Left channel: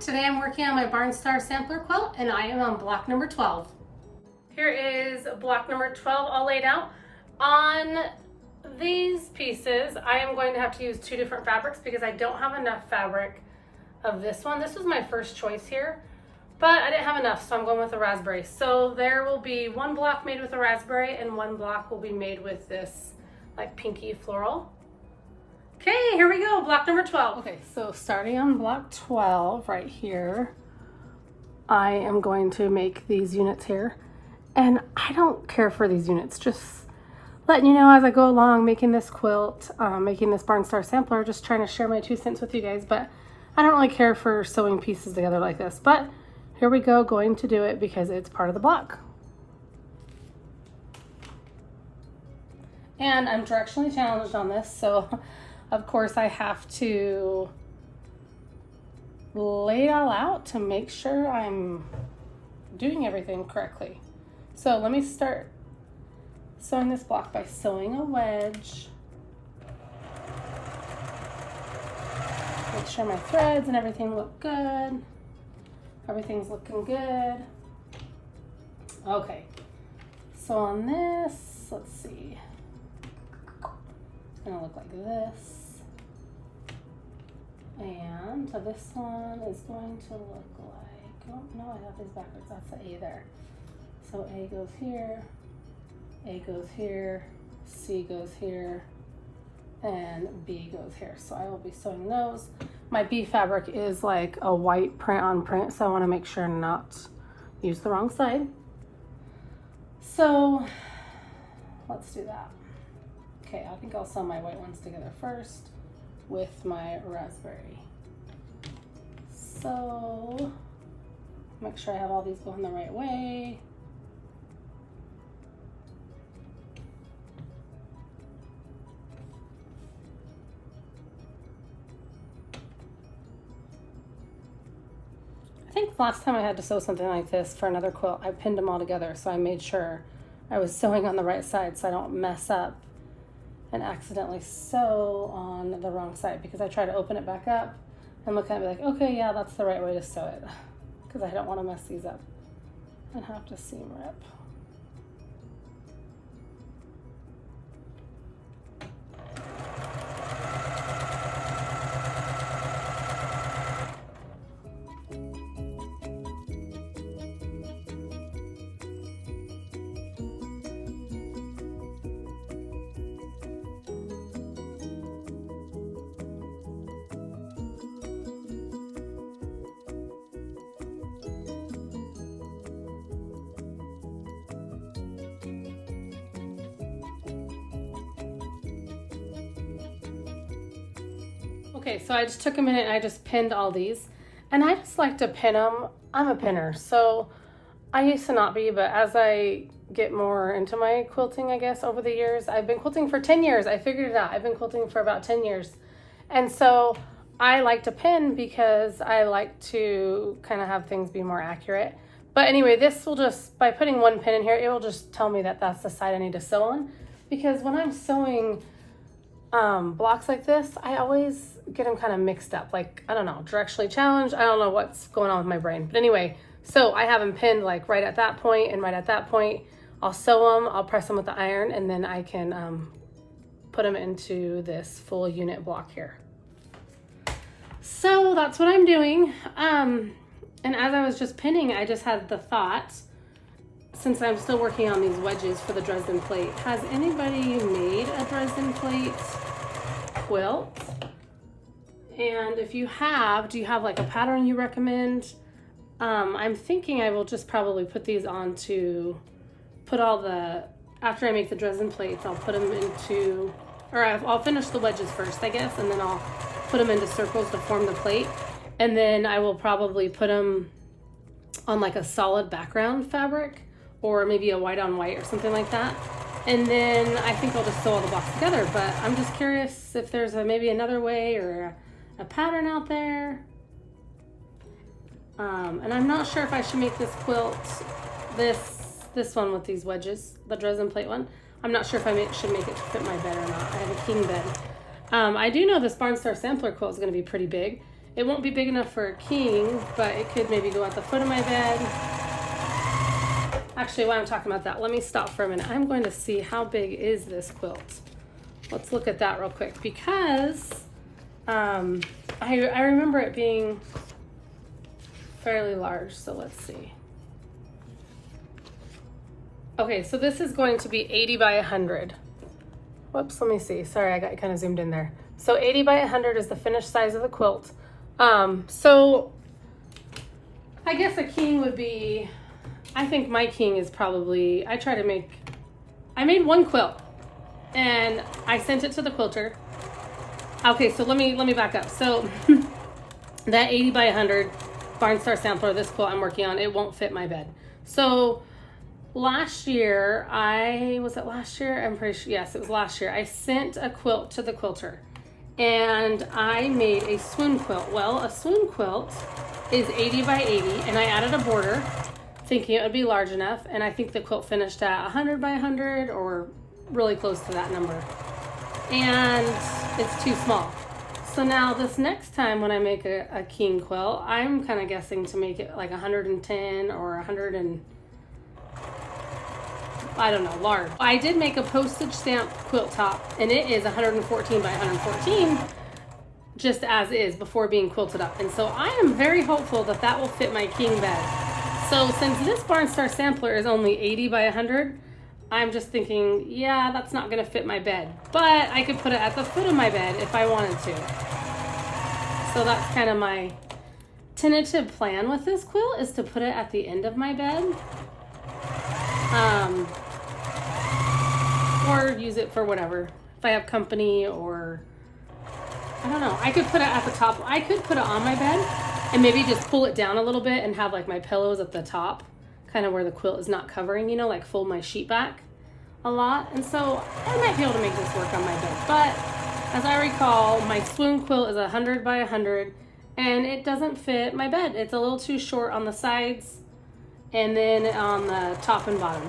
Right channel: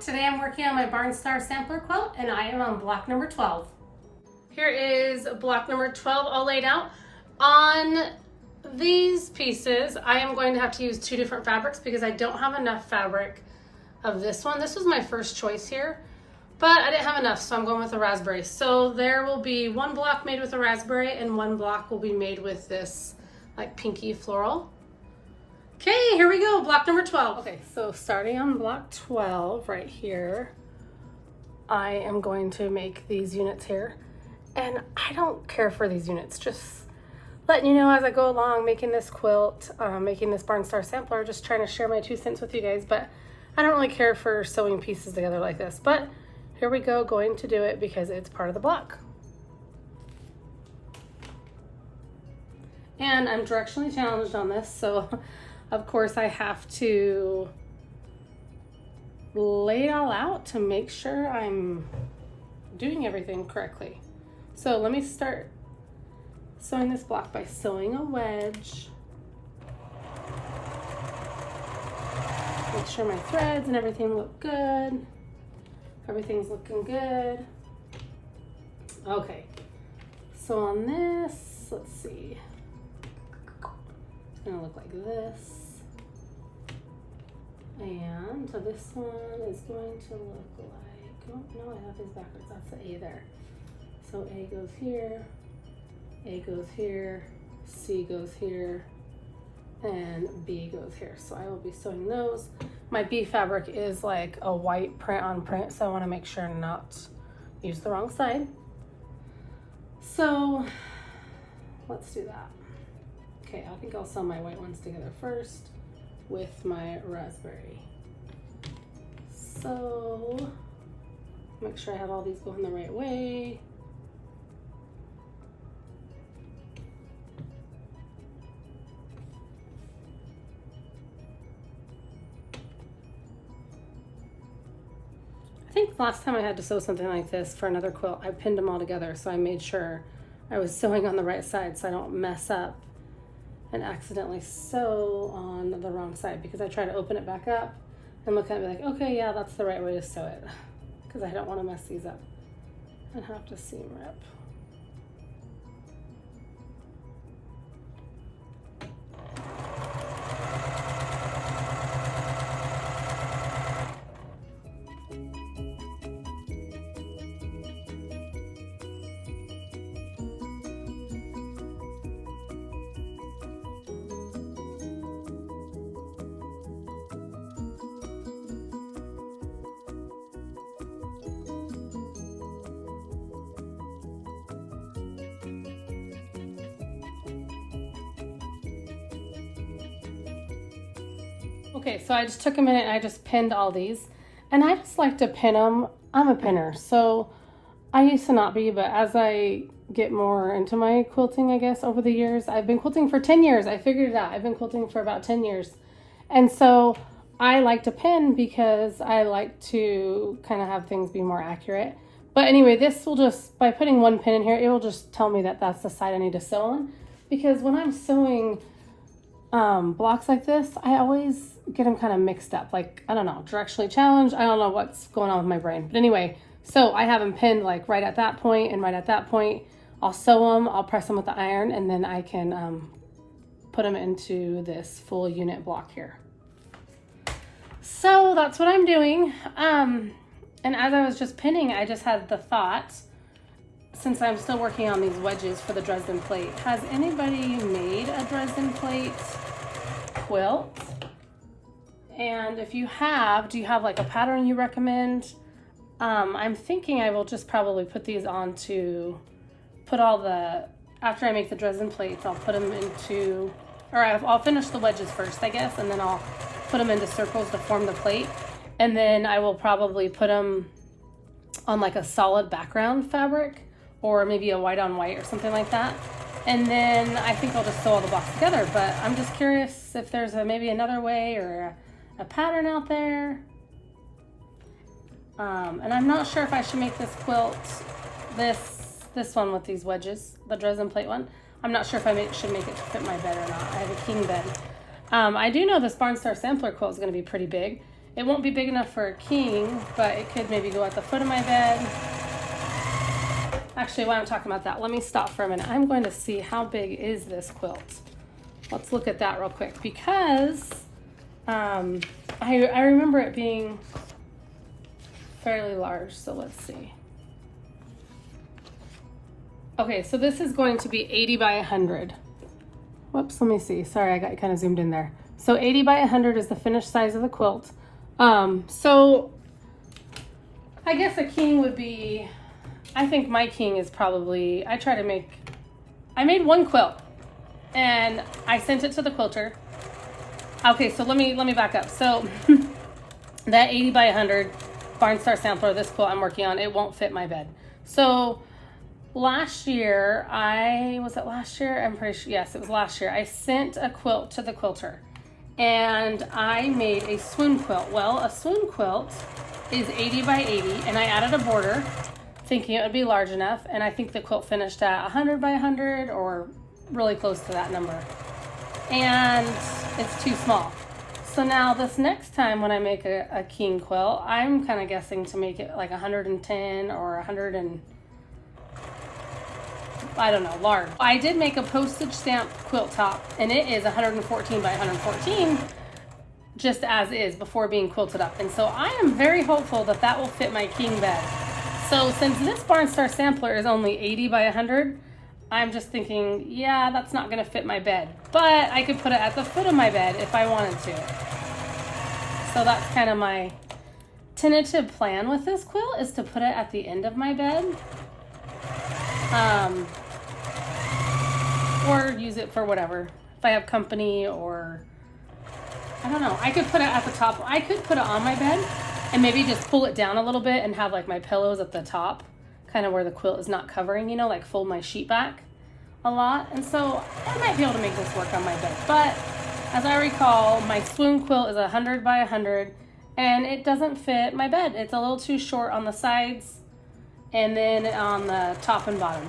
Today I'm working on my Barnstar sampler quilt and I am on block number 12. Here is block number 12 all laid out. On these pieces, I am going to have to use two different fabrics because I don't have enough fabric of this one. This was my first choice here, but I didn't have enough, so I'm going with a raspberry. So there will be one block made with a raspberry and one block will be made with this like pinky floral. Okay, here we go, block number 12. Okay, so starting on block 12 right here, I am going to make these units here. And I don't care for these units, just letting you know as I go along, making this quilt, making this Barnstar sampler, just trying to share my 2 cents with you guys, but I don't really care for sewing pieces together like this. But here we go, going to do it because it's part of the block. And I'm directionally challenged on this, so of course I have to lay it all out to make sure I'm doing everything correctly. So let me start sewing this block by sewing a wedge. Make sure my threads and everything look good. Everything's looking good. Okay, so on this, let's see. It's gonna look like this. And so this one is going to look like, oh no, I have these backwards, that's the A there. So A goes here, A goes here, C goes here, and B goes here. So I will be sewing those. My B fabric is like a white print on print, so I wanna make sure not use the wrong side. So let's do that. Okay, I think I'll sew my white ones together first with my raspberry. So make sure I have all these going the right way. I think last time I had to sew something like this for another quilt, I pinned them all together, so I made sure I was sewing on the right side so I don't mess up and accidentally sew on the wrong side, because I try to open it back up and look at it and be like, okay, yeah, that's the right way to sew it, because I don't want to mess these up and have to seam rip. Okay, so I just took a minute and I just pinned all these, and I just like to pin them. I'm a pinner, so I used to not be, but as I get more into my quilting, I guess, over the years, I've been quilting for 10 years. I figured it out. I've been quilting for about 10 years. And so I like to pin because I like to kind of have things be more accurate. But anyway, this will just, by putting one pin in here, it will just tell me that that's the side I need to sew on. Because when I'm sewing blocks like this, I always get them kind of mixed up, like, I don't know, directionally challenged. I don't know what's going on with my brain, but anyway, so I have them pinned like right at that point and right at that point. I'll sew them, I'll press them with the iron, and then I can put them into this full unit block here. So that's what I'm doing. And as I was just pinning, I just had the thought, since I'm still working on these wedges for the Dresden plate, has anybody made a Dresden plate quilt? And if you have, do you have like a pattern you recommend? I'm thinking I will just probably put these on to put all the, after I make the Dresden plates, I'll put them into, or I'll finish the wedges first, I guess, and then I'll put them into circles to form the plate. And then I will probably put them on like a solid background fabric, or maybe a white on white or something like that. And then I think I'll just sew all the blocks together, but I'm just curious if there's maybe another way or a pattern out there. And I'm not sure if I should make this quilt, this one with these wedges, the Dresden plate one. I'm not sure if I should make it to fit my bed or not. I have a king bed. I do know this Barnstar sampler quilt is going to be pretty big. It won't be big enough for a king, but it could maybe go at the foot of my bed. Actually, while I'm talking about that, let me stop for a minute. I'm going to see how big is this quilt. Let's look at that real quick, because I remember it being fairly large, so let's see. Okay, so this is going to be 80 by 100. Whoops, let me see. Sorry, I got kind of zoomed in there. So 80 by 100 is the finished size of the quilt. So I guess a king would be, I think my king is probably, I made one quilt and I sent it to the quilter. Okay, so let me back up. So that 80 by 100 Barnstar sampler, this quilt I'm working on, it won't fit my bed. So last year, was it last year? I'm pretty sure, yes, it was last year. I sent a quilt to the quilter and I made a swoon quilt. Well, a swoon quilt is 80 by 80 and I added a border thinking it would be large enough, and I think the quilt finished at 100 by 100 or really close to that number. And it's too small. So now this next time when I make a king quilt, I'm kind of guessing to make it like 110 or 100 and I don't know, large. I did make a postage stamp quilt top and it is 114 by 114 just as is before being quilted up. And so I am very hopeful that that will fit my king bed. So since this Barnstar sampler is only 80 by 100, I'm just thinking, yeah, that's not gonna fit my bed, but I could put it at the foot of my bed if I wanted to. So that's kind of my tentative plan with this quilt, is to put it at the end of my bed. Or use it for whatever. If I have company, or I don't know. I could put it at the top. I could put it on my bed and maybe just pull it down a little bit and have like my pillows at the top, kind of where the quilt is not covering, you know, like fold my sheet back a lot. And so I might be able to make this work on my bed. But as I recall, my swoon quilt is 100 by 100 and it doesn't fit my bed. It's a little too short on the sides and then on the top and bottom.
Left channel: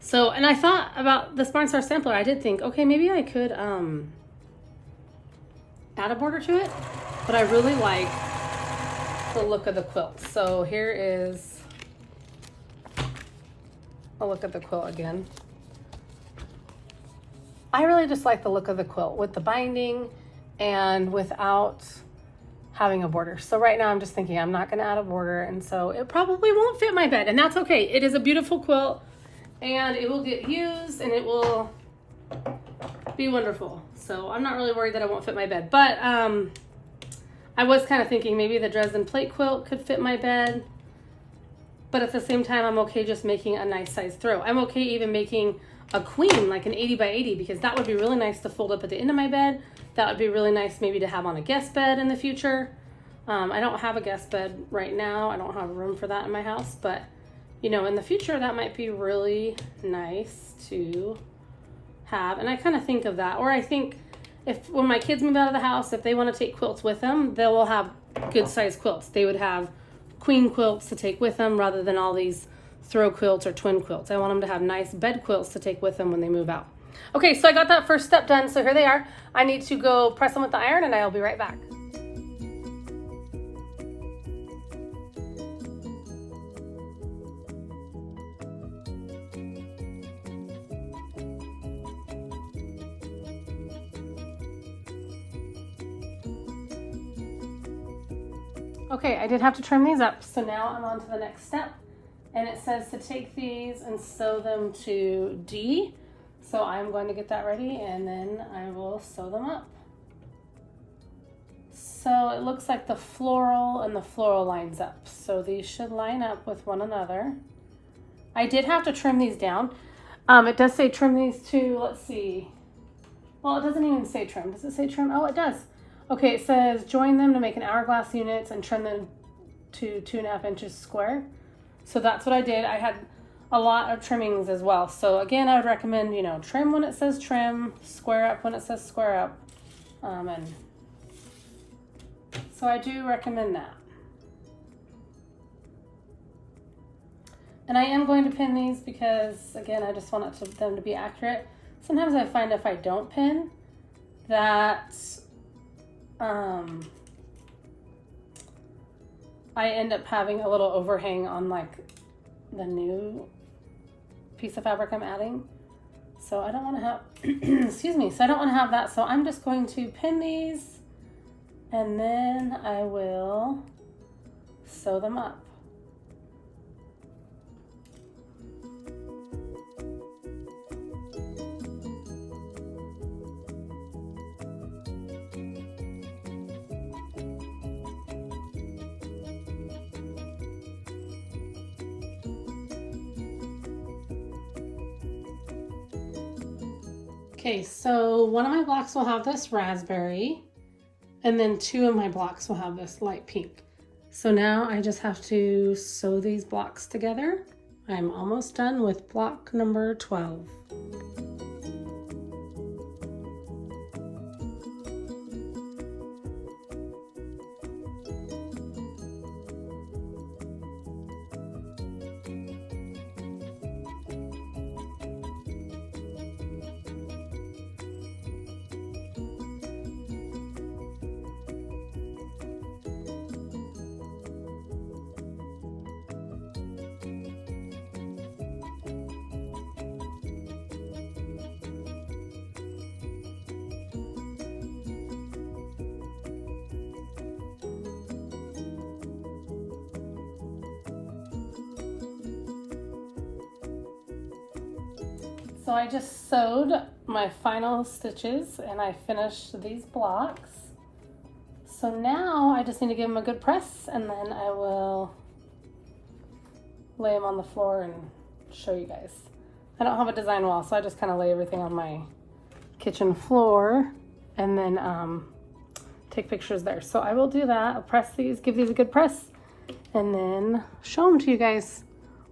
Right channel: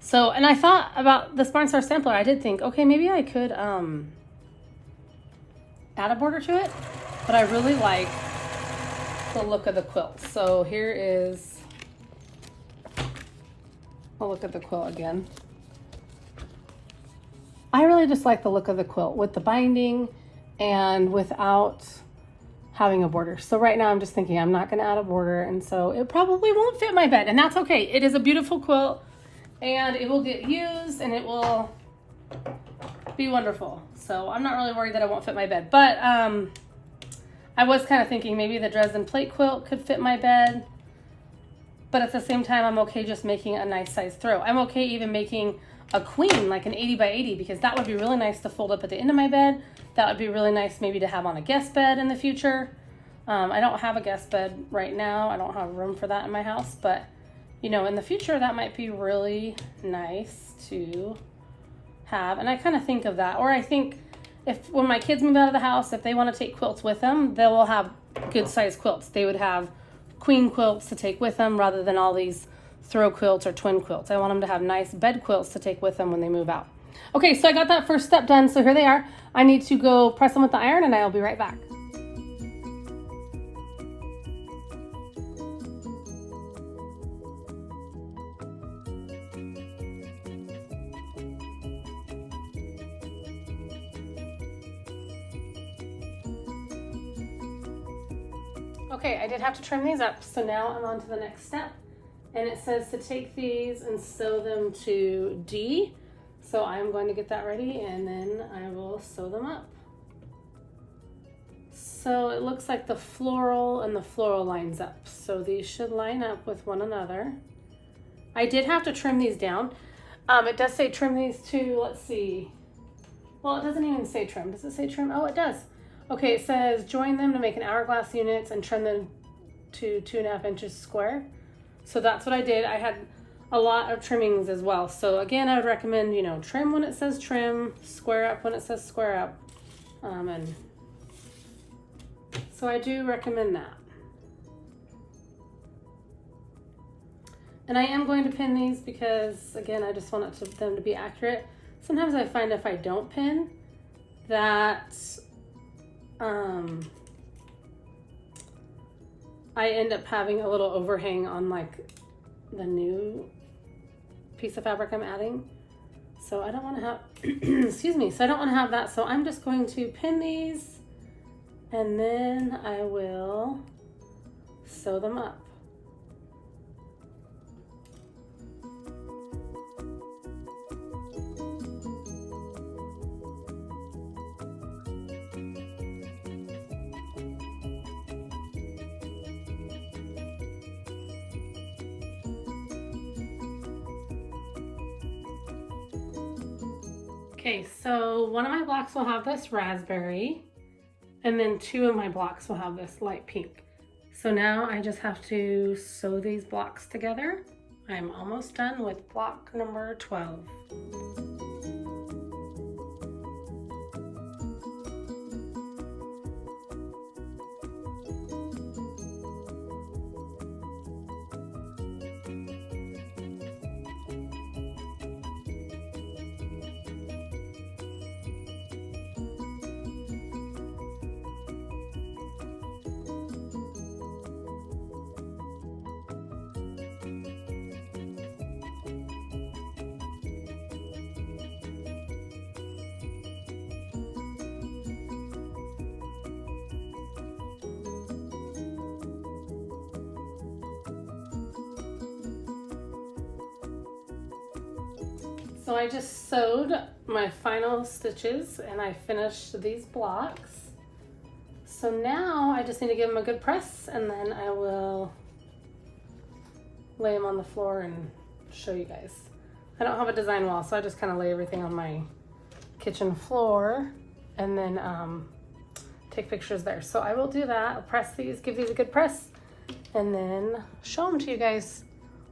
So, and I thought about this Barnstar sampler. I did think, okay, maybe I could add a border to it, but I really like the look of the quilt. So here is a look at the quilt again. I really just like the look of the quilt with the binding and without having a border. So right now I'm just thinking I'm not gonna add a border, and so it probably won't fit my bed, and that's okay. It is a beautiful quilt and it will get used and it will be wonderful. So I'm not really worried that it won't fit my bed, but I was kind of thinking maybe the Dresden plate quilt could fit my bed, but at the same time I'm okay just making a nice size throw. I'm okay even making a queen, like an 80 by 80, because that would be really nice to fold up at the end of my bed. That would be really nice maybe to have on a guest bed in the future. I don't have a guest bed right now. I don't have room for that in my house, but you know, in the future that might be really nice to have. And I kind of think of that, or I think if when my kids move out of the house, if they want to take quilts with them, they will have good size quilts. They would have queen quilts to take with them rather than all these throw quilts or twin quilts. I want them to have nice bed quilts to take with them when they move out. Okay, so I got that first step done, so here they are. I need to go press them with the iron and I'll be right back. Okay, I did have to trim these up, so now I'm on to the next step. And it says to take these and sew them to D. So I'm going to get that ready and then I will sew them up. So it looks like the floral and the floral lines up. So these should line up with one another. I did have to trim these down. It does say trim these to, let's see. Well, it doesn't even say trim. Does it say trim? Oh, it does. Okay, it says join them to make an hourglass units and trim them to 2.5 inches square. So that's what I did. I had a lot of trimmings as well. So again, I would recommend, you know, trim when it says trim, square up when it says square up. And so I do recommend that. And I am going to pin these because, again, I just want them to be accurate. Sometimes I find if I don't pin, that I end up having a little overhang on like the new piece of fabric I'm adding. So I don't want to have, excuse me, so I don't want to have that. So I'm just going to pin these and then I will sew them up. Okay, so one of my blocks will have this raspberry, and then two of my blocks will have this light pink. So now I just have to sew these blocks together. I'm almost done with block number 12. So I just sewed my final stitches and I finished these blocks. So now I just need to give them a good press and then I will lay them on the floor and show you guys. I don't have a design wall, so I just kind of lay everything on my kitchen floor and then take pictures there. So I will do that. I'll press these, give these a good press, and then show them to you guys.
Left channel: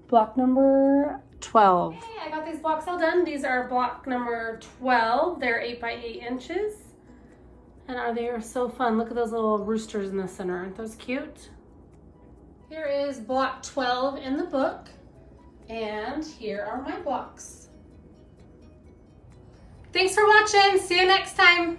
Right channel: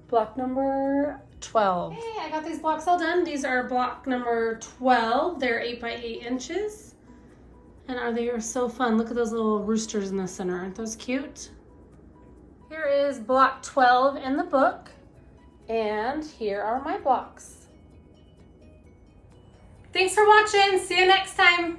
Block number 12. Okay, I got these blocks all done. These are block number 12. They're 8 by 8 inches. And they are so fun. Look at those little roosters in the center. Aren't those cute? Here is block 12 in the book. And here are my blocks. Thanks for watching. See you next time.